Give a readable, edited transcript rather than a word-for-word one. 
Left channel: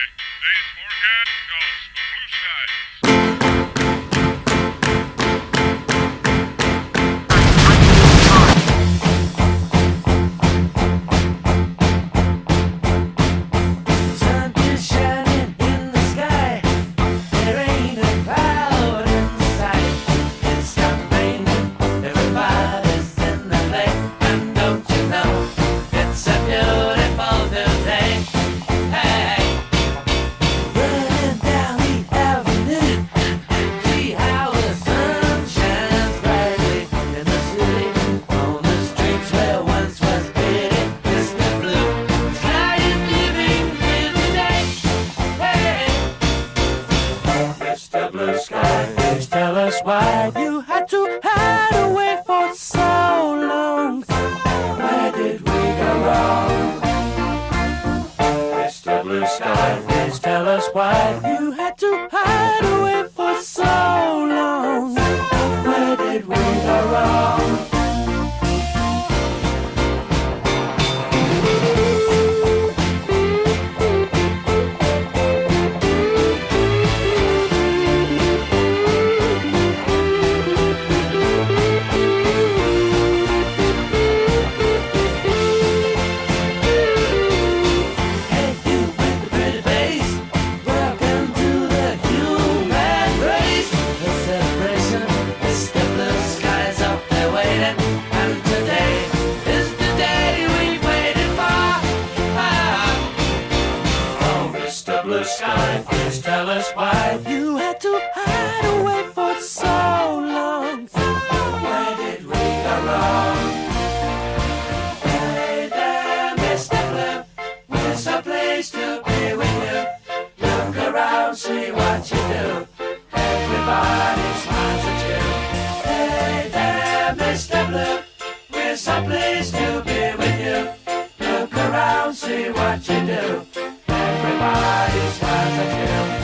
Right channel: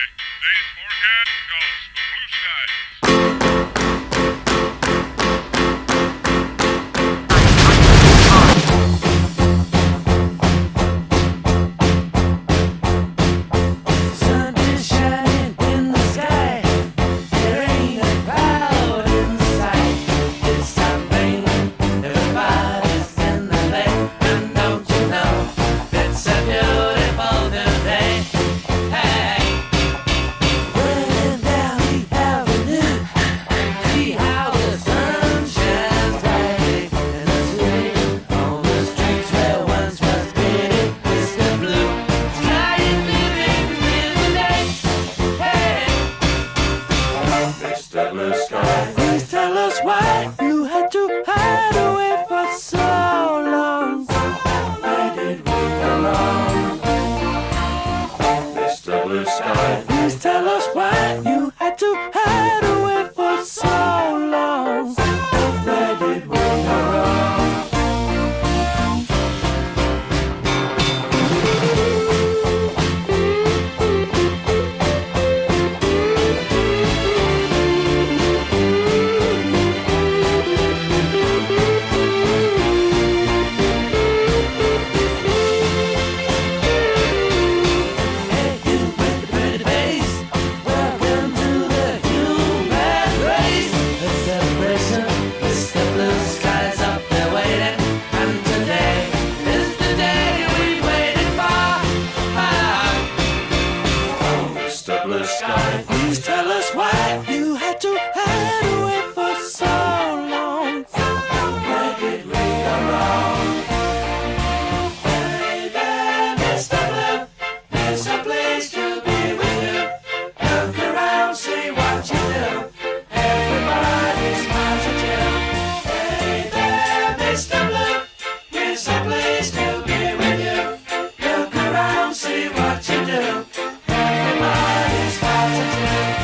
Today's forecast calls for blue skies. Sun is shining in the sky. There ain't a cloud in sight. It stopped raining. Everybody's in the play. And don't you know it's a beautiful new day? Hey, running down the avenue. See how the sun shines brightly in the city. On the streets where once was pity, Mr. Blue Sky is living in the day. Hey, Mr. Blue Sky, please tell us why you had to hide away for so long. Where did we go wrong? Mr. Blue Sky, please tell us why you had to hide away for so long. Where did we go wrong? Hey, you with the pretty face, welcome to the human race. A celebration, Mr. Blue Sky's up there waiting, and today is the day we've waited for. Oh, Mr. Blue Sky, please tell us why you had to hide away for so long. Where did we go wrong? Hey there, Mr. Blue, it's a place to be with you. Look around, see what you do. Everybody smiles at you. Hey there, Mr. Blue, it's a place to be with you. Look around, see what you do. Everybody smiles at you.